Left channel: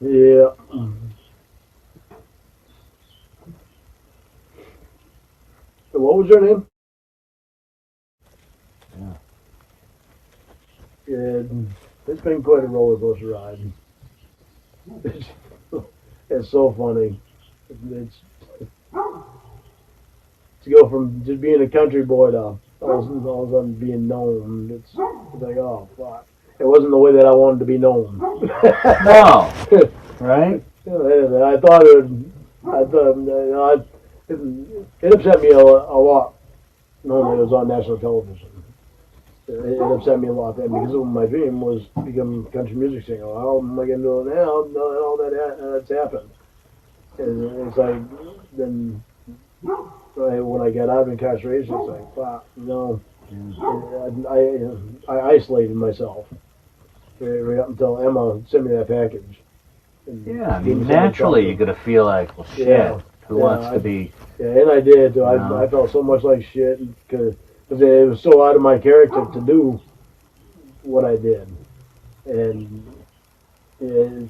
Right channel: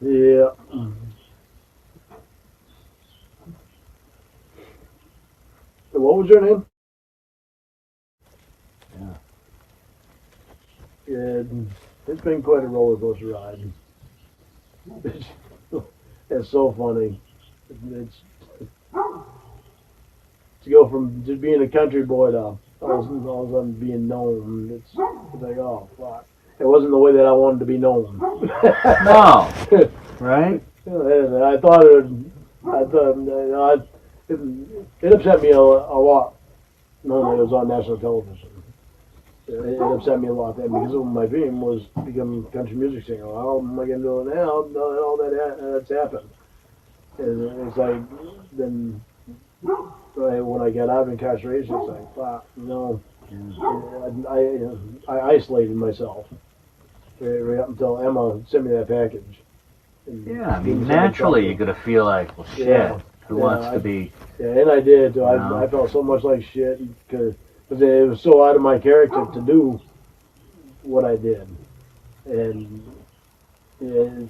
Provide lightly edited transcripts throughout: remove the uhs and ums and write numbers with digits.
Yeah. So what was your name? Yeah. It's been quite a roller coaster ride. It's, it's so funny. It's to go from just being a country boy to all of a sudden being known. It's like, oh fuck. It wasn't the way that I wanted to be known. No. Right? I thought it. I thought it upset me a lot when it was on national television. It upset me a lot then because my dream was to become a country music singer. How am I going to do it now? No, all that's happened. And it's like then when I got out of incarceration, it's like, fuck, no. I isolated myself right up until Emma sent me that package. Yeah, I mean, naturally you're going to feel like, well, shit, who wants to be... Yeah, and I did. I felt so much like shit because it was so out of my character to do what I did. And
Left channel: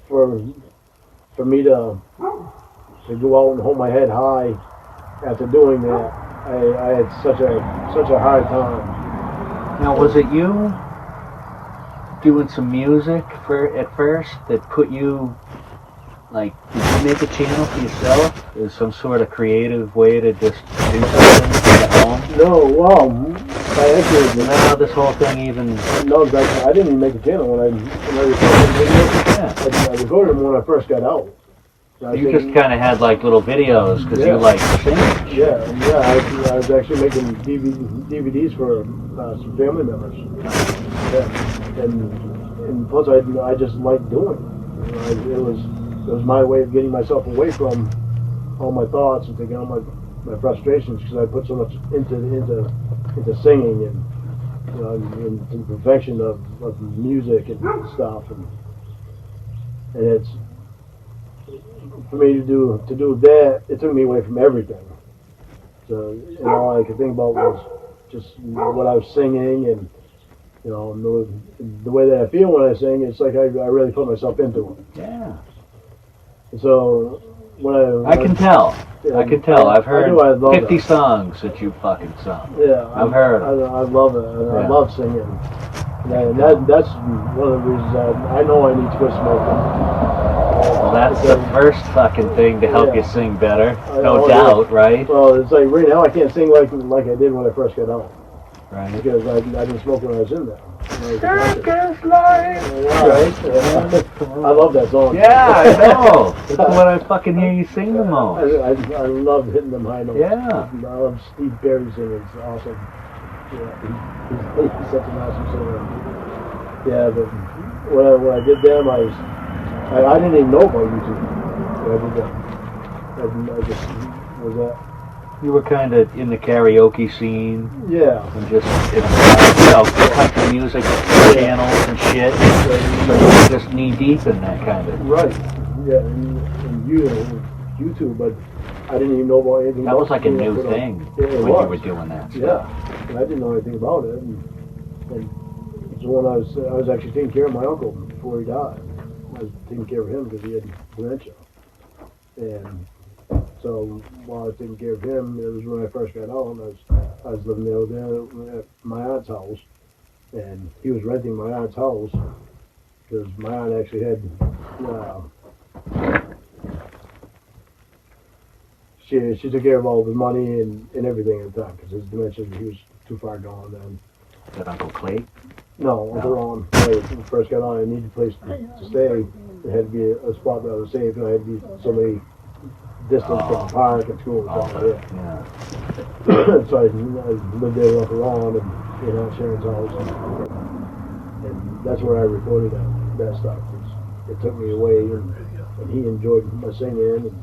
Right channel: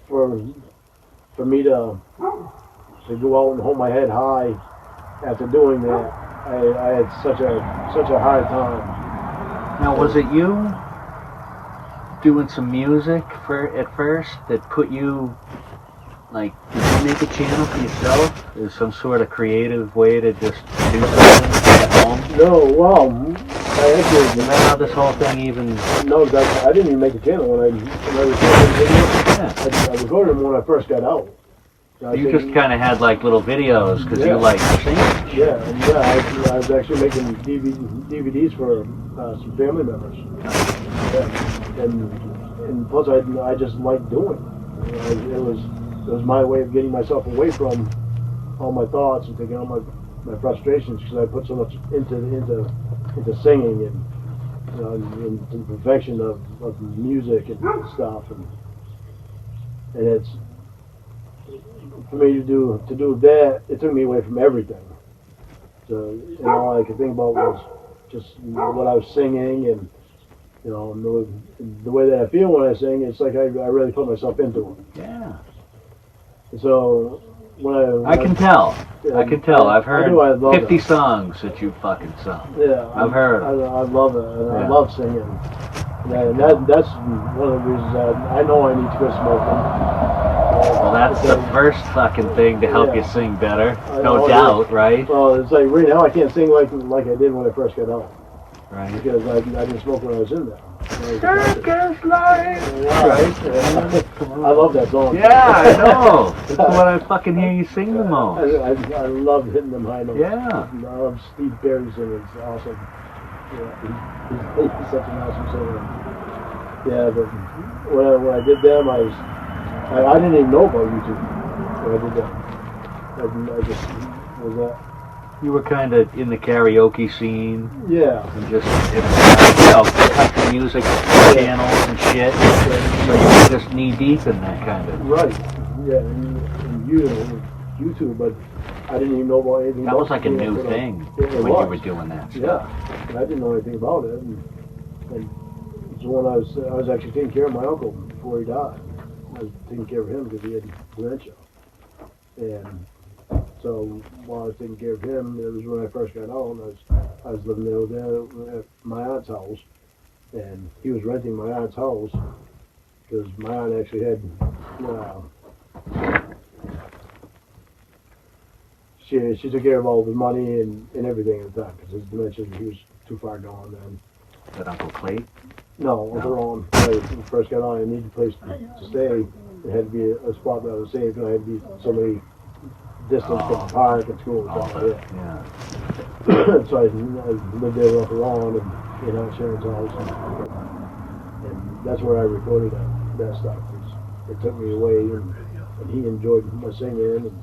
for me to go out and hold my head high after doing that, I had such a hard time. Now, was it you doing some music at first that put you, like, did you make a channel for yourself? Is some sort of creative way to just do something at home? No, well, How this whole thing even... No, I didn't even make a channel when I recorded videos. I recorded them when I first got out. You just kind of had like little videos because you like singing. I was actually making DVDs for some family members. Yeah. And plus I just liked doing it. It was my way of getting myself away from all my thoughts and taking out my frustrations because I put so much into singing and the perfection of music and stuff and it's for me to do that, it took me away from everything. So, all I could think about was just what I was singing and, the way that I feel when I sing. It's like I really put myself into it. Yeah. So, I can tell. I've heard 50 songs that you fucking sung. Yeah. I've heard them. I love it. I love singing. And that's one of the reasons I know I need to quit smoking. Well, that's the first fucking thing to help you sing better, no doubt, right? Well, it's like right now I can't sing like I did when I first got out. Right. Because I didn't smoke when I was in there. Circus life! Right? I love that song. Yeah, I know. That's what I fucking hear you sing the most. I love hitting them high notes. Yeah. I love Steve Perry singing. It's awesome. Yeah, he's such an awesome singer. Yeah, but when I did them, I didn't even know about YouTube. I did that. I just was that. You were kind of in the karaoke scene. Yeah. And just, country music channels and shit. You were just knee deep in that kind of. Right. Yeah, and YouTube, but I didn't even know about anything. That was like a new thing when you were doing that stuff. Yeah. I didn't know anything about it. And so when I was actually taking care of my uncle before he died. I was taking care of him because he had dementia. And so while I was taking care of him, it was when I first got out. I was living there at my aunt's house, and he was renting my aunt's house because my aunt actually had she took care of all of his money and everything at the time because his dementia, he was too far gone then. That Uncle Clay? No, Uncle Lorne. When I first got on, I needed a place to stay. There had to be a spot that I was safe, and I had to be somebody distant from the park and school and stuff like that. Yeah. So I lived there with Lorne and Sharon's house, and that's where I recorded that stuff. It took me away, and he enjoyed my singing, and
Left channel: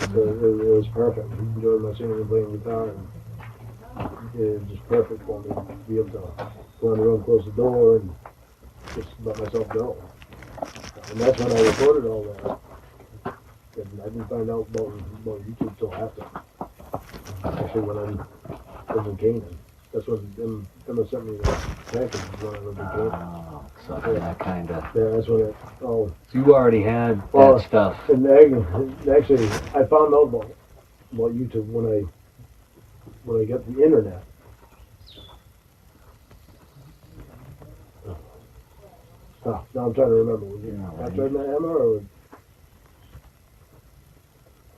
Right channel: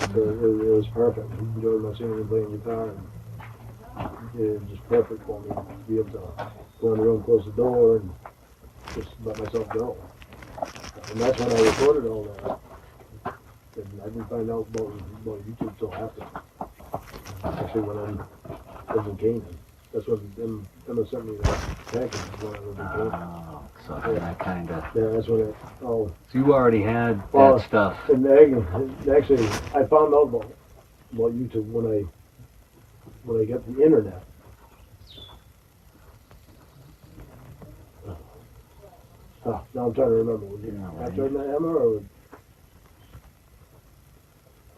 so it was perfect. He enjoyed my singing and playing guitar, and it was just perfect for me to be able to go in the room, close the door, and just let myself go. And that's when I recorded all that. And I didn't find out about YouTube till after. Actually, when I was in Canaan. That's what Emma sent me that package when I lived in Canaan. So that kind of. Yeah, that's what So you already had that stuff. And actually, I found out about YouTube when I got the internet. Now I'm trying to remember. Was it password that Emma or was,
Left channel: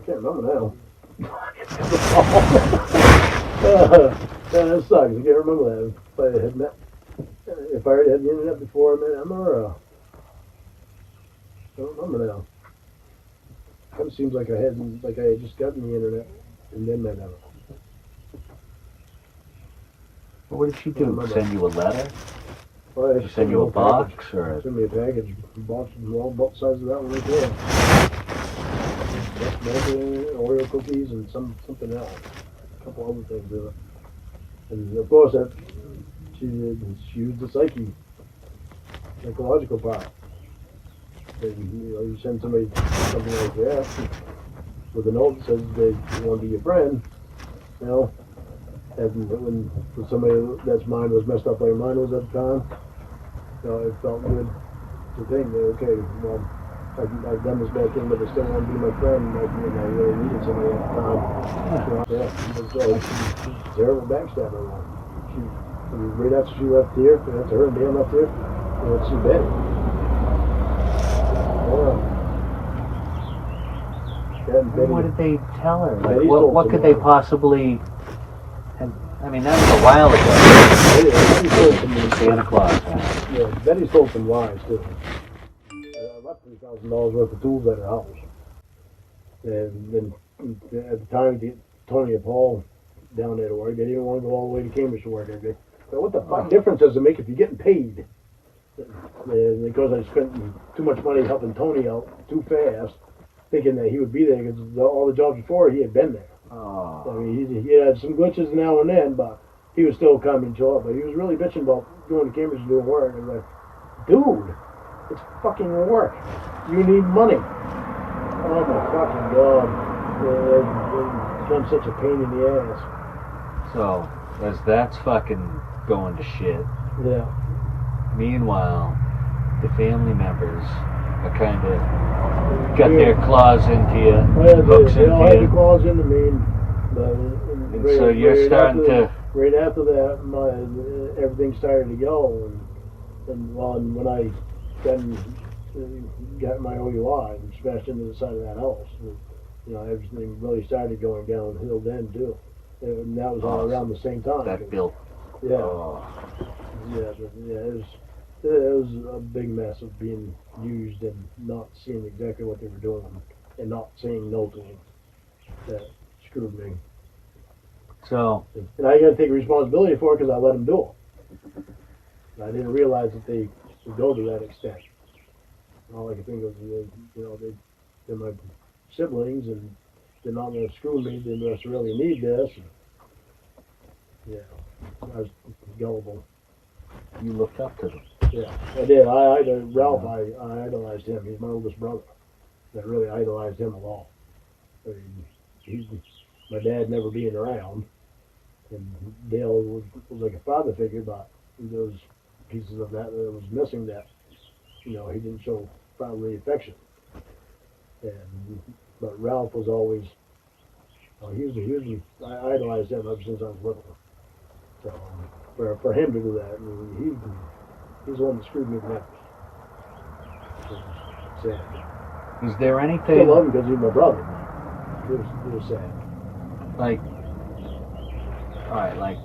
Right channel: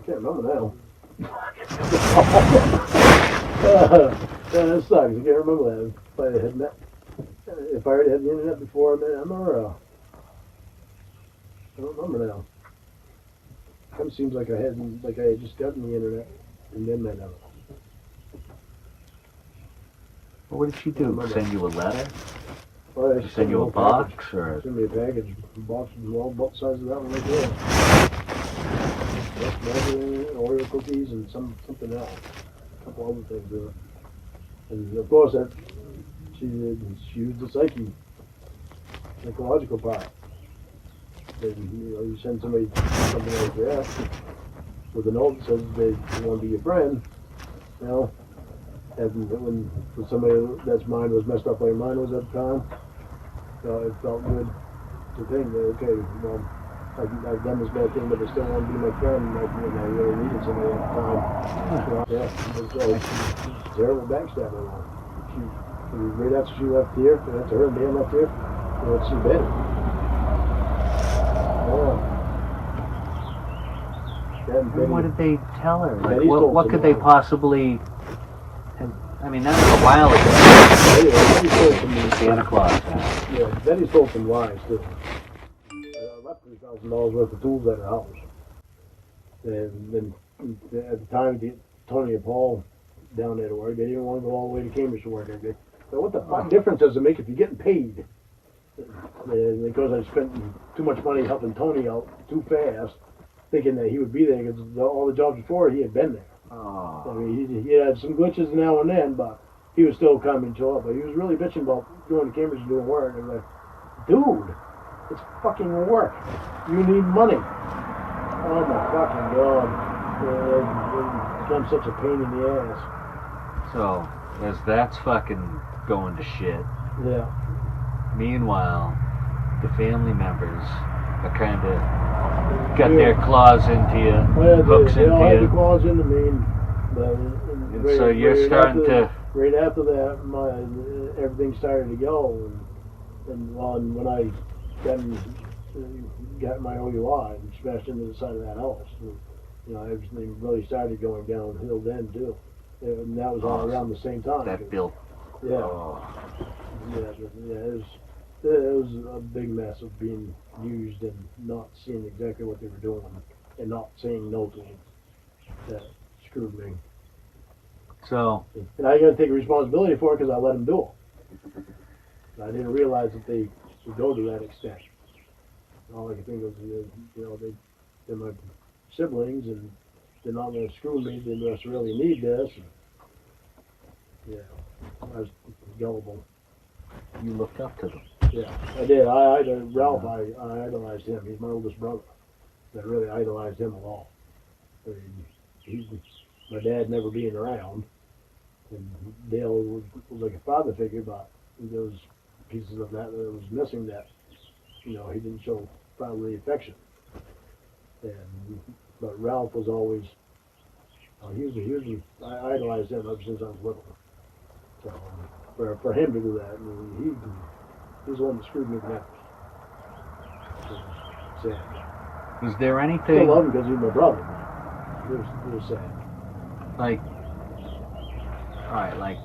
I can't remember now. That sucks. I can't remember that. If I already had the internet before I met Emma, or I don't remember now. It kind of seems like I had just gotten the internet and then met Emma. What did she do? Send you a letter? Well, Did she send you a box or? Send me a package. Both sides of that one right there. Just Oreo cookies and something else. A couple other things there. And of course, she used the psychological part. You send somebody something like that with a note that says they want to be your friend, and when somebody that's mind was messed up like mine was at the time, it felt good to think that, okay, well, I've done this bad thing, but I still want to be my friend, and I really needed somebody at the time. Terrible backstabber. Right after she left here, after her and Dale left here, it's too bad. What did they tell her? Like, what could they possibly have? I mean, that was a while ago. Santa Claus. Yeah, Betty sold some lies too. I left $3,000 worth of tools at her house. And then at the time, Tony and Paul down there to work, they didn't want to go all the way to Cambridge to work every day. So what the fuck difference does it make if you're getting paid? And because I spent too much money helping Tony out too fast, thinking that he would be there because all the jobs before he had been there. I mean, he had some glitches now and then, but he was still come and show up. But he was really bitching about going to Cambridge and doing work. And like, dude, it's fucking work. You need money. Oh my fucking god. It's been such a pain in the ass. So, as that's fucking going to shit. Yeah. Meanwhile, the family members are kind of got their claws into you, hooks into you. Their claws into me. And so you're starting to. Right after that, everything started to go, and when I then got my OUI and smashed into the side of that house, everything really started going downhill then too. And that was all around the same time. That built. Yeah. It was a big mess of being used and not seeing exactly what they were doing and not saying no to it. That screwed me. So. And I got to take responsibility for it because I let them do it. I didn't realize that they would go to that extent. All I could think of was, they're my siblings and they're not going to screw me. They must really need this. And, yeah, I was gullible. You looked up to them. Yeah, I did. Ralph, I idolized him. He's my oldest brother. I really idolized him a lot. I mean, my dad never being around, and Dale was like a father figure, but there was pieces of that was missing that, he didn't show fatherly affection. But Ralph was always, I idolized him ever since I was little. So for him to do that, he's the one that screwed me the most. Sad. Is there I anything? love him because he's my brother. It was sad. Like, alright, like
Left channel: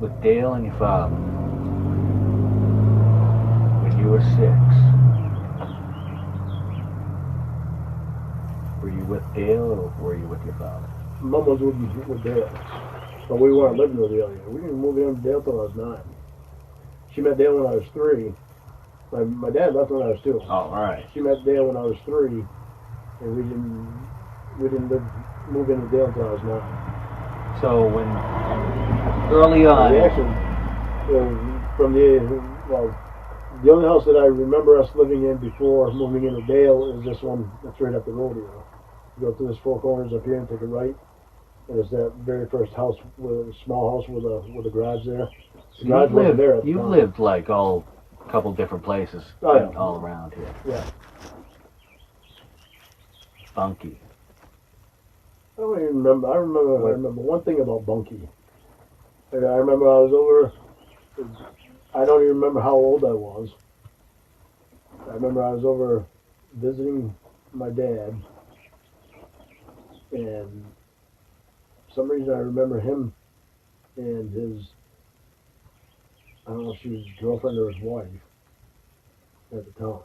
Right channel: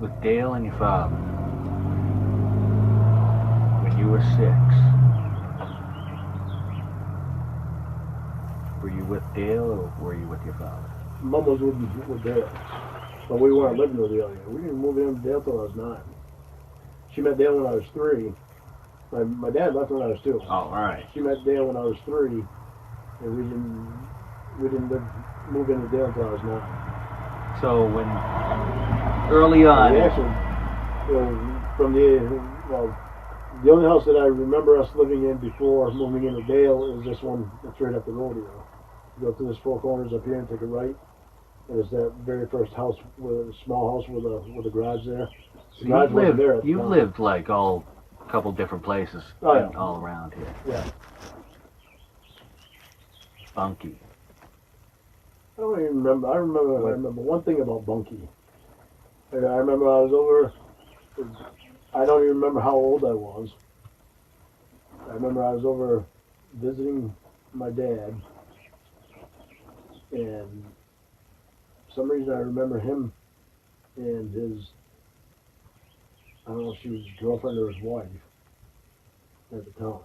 with Dale and your father, when you were 6, were you with Dale or were you with your father? Mom was with Dale, but we weren't living with the other. We didn't move in with Dale till I was 9. She met Dale when I was 3. My dad left when I was 2. Oh, alright. She met Dale when I was 3, and we didn't move into Dale until I was 9. So when early on, Actually, the only house that I remember us living in before moving into Dale is this one that's right up the road here. You go through this 4 corners up here and take a right, It was that very first house, with a small house with a garage there. The You've garage wasn't there at lived, the you've time. lived like a couple different places Oh, yeah. all around here. Yeah. Bunky. I don't even remember. I remember one thing about Bunky. And I remember I was over. I don't even remember how old I was. I remember I was over visiting my dad, and for some reason I remember him and his. I don't know if she was his girlfriend or his wife at the time.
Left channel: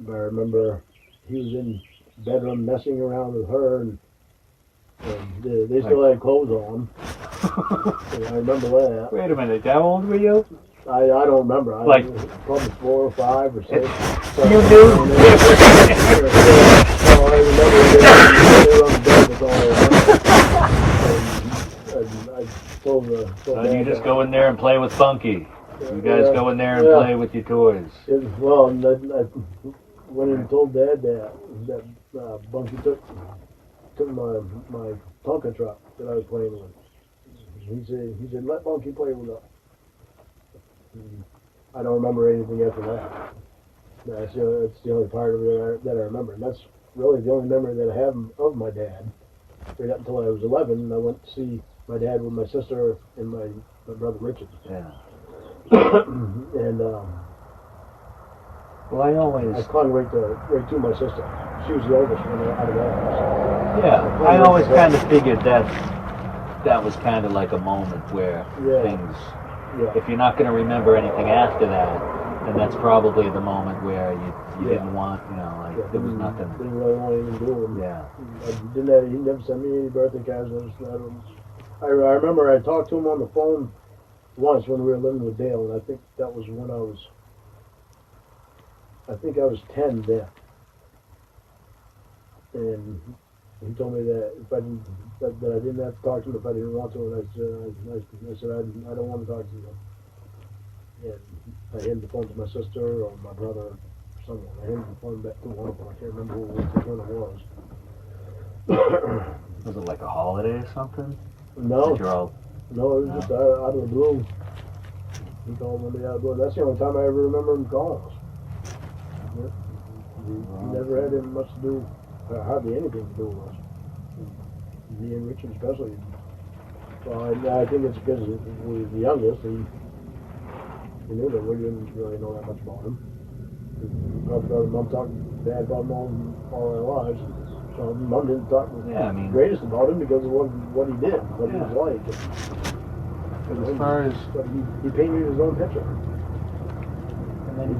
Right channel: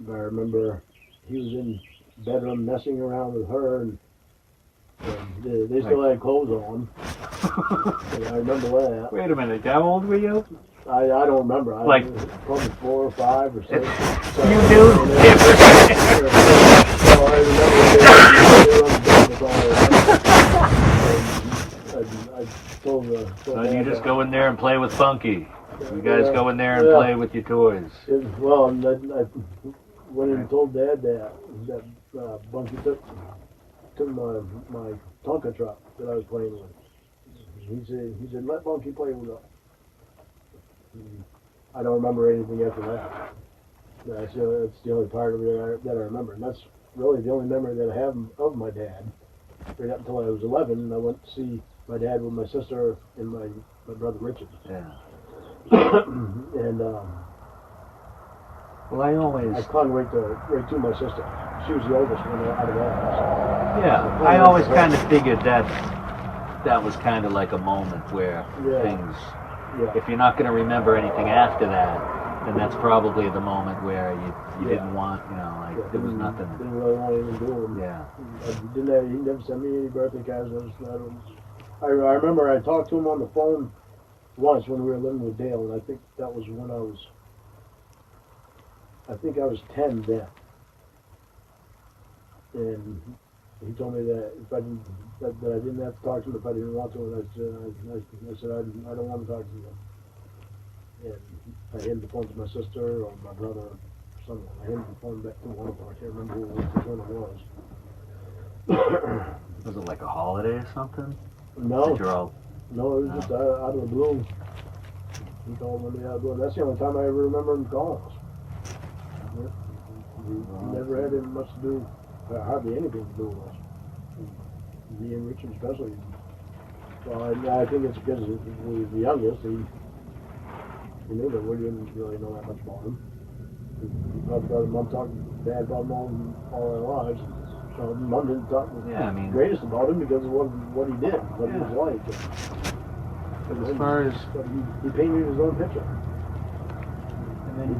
But I remember he was in the bedroom messing around with her, and they still had clothes on. And I remember that. Wait a minute, how old were you? I don't remember. I Like- was probably 4 or 5 or 6. You knew? So you just go in there and play with Bunky. You guys go in there and play with your toys. Well, and I went and told Dad that Bunky took my Tonka truck that I was playing with. He said let Bunky play with it. I don't remember anything after that. That's the only part of it that I remember. And that's really the only memory that I have of my dad. Right up until I was 11, I went to see my dad with my sister and my brother Richard. Yeah. And Well, I I always, clung right to my sister. She was the oldest one out of all of us. yeah, I always kind of figured that was kind of like a moment where Yeah. things, Yeah. if you're not going to remember anything after that, then that's probably the moment where you didn't want, like there was nothing. Didn't really want anything to do with him. Yeah. He never sent me any birthday cards. I remember I talked to him on the phone once when we were living with Dale, and I think that was when I was 10 then. And he told me that if I didn't, that I didn't have to talk to him if I didn't want to, and I said I don't want to talk to you. And I handed the phone to my sister or my brother or someone. I handed the phone back to one of them. I can't remember which one it was. Was it like a holiday or something? No, That you're all, no, it was just out of the blue. He called one day out of the blue. That's the only time I ever remember him calling us. Yeah. He never had much to do, hardly anything to do with us. Me and Richard especially. Well, I think it's because he was the youngest. He knew that we didn't really know that much about him. We talked about him, Mom talked to Dad about him all our lives. So Mom didn't talk Yeah, I mean- greatest about him because of what he did, what he was Yeah. like. as far as, But he painted his own picture. and then,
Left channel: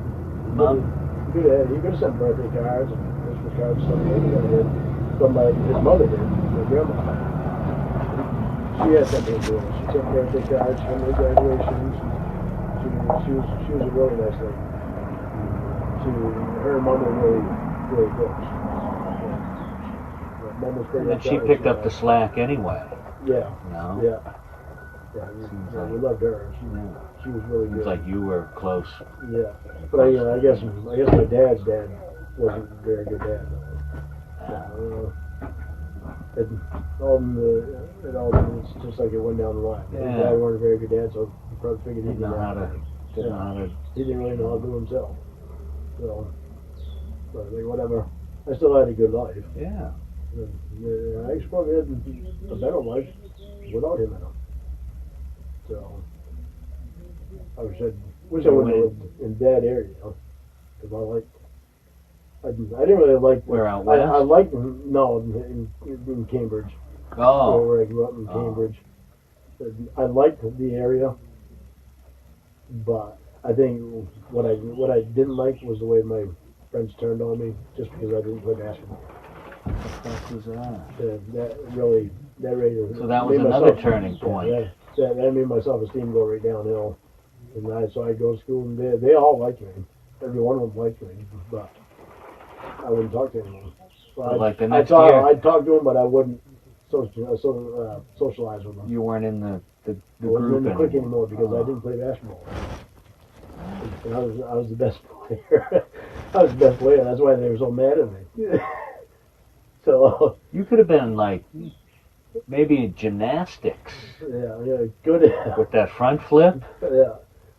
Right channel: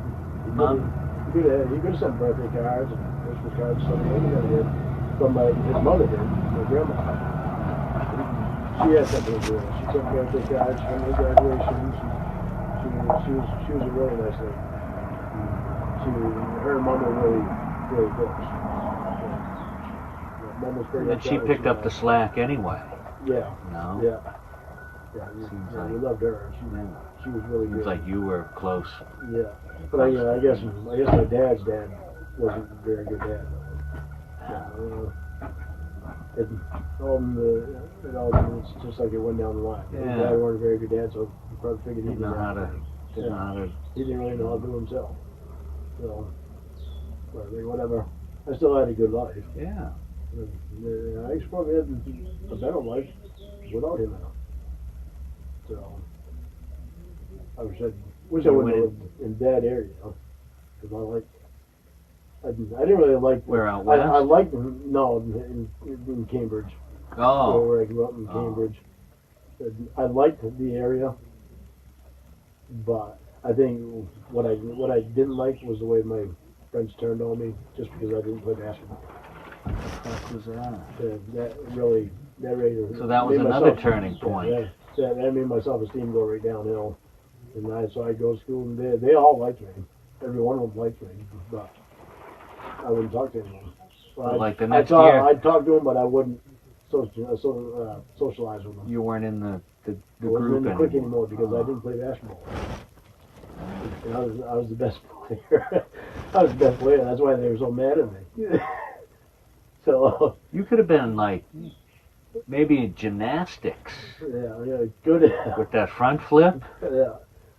He could have sent birthday cards and Christmas cards and stuff like that. But his mother did, my grandma. She had something to do with it. She sent birthday cards from her graduations. She was a really nice lady. Her mom was really close. Mom was pretty and then she upset picked when up the slack anyway, Yeah, no? yeah. Seems Yeah, like- we loved her. She was really Seems good. like you were close. Yeah, but I guess my dad's dad wasn't a very good dad. It all was just like it went down the line. His Yeah. dad wasn't a very good dad, so he probably figured Didn't know how to, He didn't really know how to do himself. So, but I think whatever. I still had a good life. yeah. And I suppose I had a better life without him now. So, I wish I would have lived in that area, because I didn't really like. Where out I west? liked in Cambridge. Oh, Where I grew up in Cambridge. And I liked the area, but I think what I didn't like was the way my friends turned on me just because I didn't play basketball. that was that. That really So that was made another myself- turning point. Yeah, that made my self-esteem go right downhill. And so I go to school, and they all liked me. Every one of them liked me, but I wouldn't talk to anyone. Well, Like the next year- I'd talk to them, but I wouldn't socialize with them. You weren't in the I wasn't group in the clique anymore. anymore because I didn't play basketball. And I was the best player. I was the best player. That's why they were so mad at me. So You could have been like maybe gymnastics yeah, good. with that front flip. Yeah,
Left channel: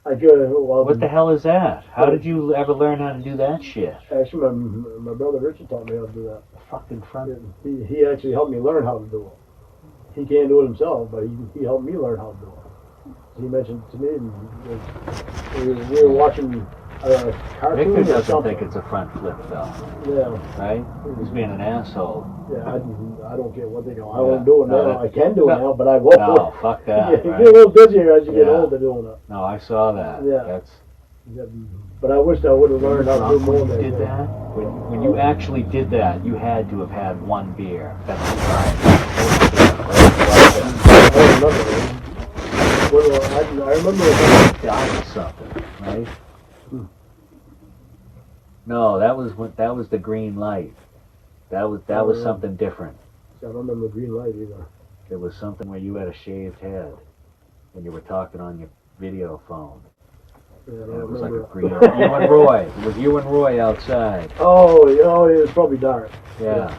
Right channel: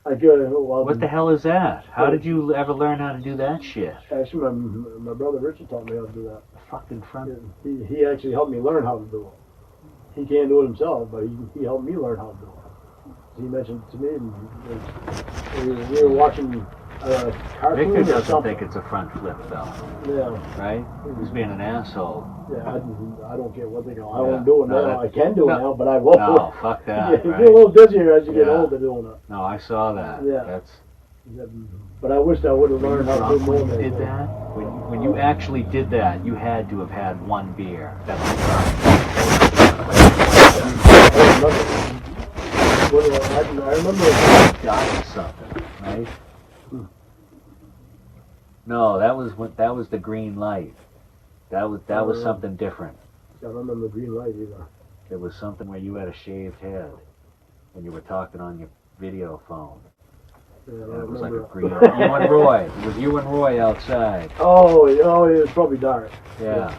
I could. Well, What the hell is that? How did you ever learn how to do that shit? Actually, my brother Richard taught me how to do that. Fucking front. He actually helped me learn how to do it. He can't do it himself, but he helped me learn how to do it. He mentioned to me, we were watching cartoons Victor or doesn't something. think it's a front flip though, Yeah, right? He's being an asshole. yeah. I don't care what they do. I Yeah. won't do it No, now. I can do it no. now, but I won't. No, fuck that. You get Right? a little busier as you get Yeah. older doing it. No, I saw that. Yeah. That's But I wish I would have learned how to do more you than did that. When you actually did that, you had to have had one beer. That's the problem. I remember That was something, right? No, that was the green light. That was something different. I don't remember green light either. It was something where you had a shaved head and you were talking on your video phone. Yeah, I And don't it was like a remember. green. You and Roy. It was you and Roy outside. Oh, it was probably dark. Yeah.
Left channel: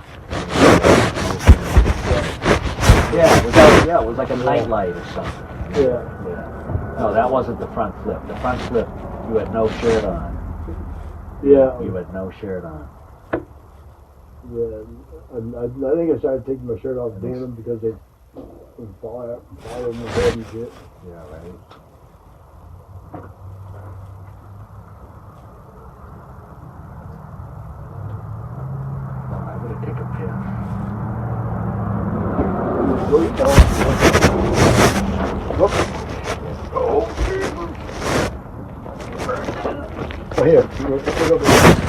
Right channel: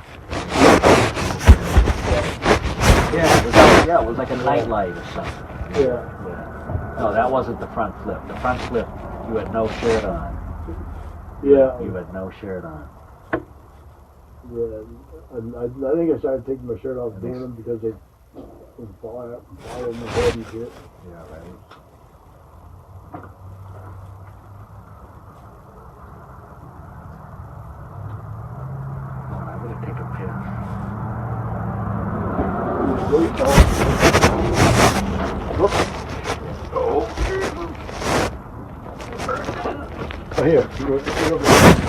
Yeah, it was like a nightlight or something. Yeah. Yeah. No, that wasn't the front flip. The front flip, you had no shirt on. Yeah. You had no shirt on. Yeah. I think I started taking my shirt off doing them because they fire my head and shit. Yeah, right. Oh, I'm gonna take a piss. Oh, here.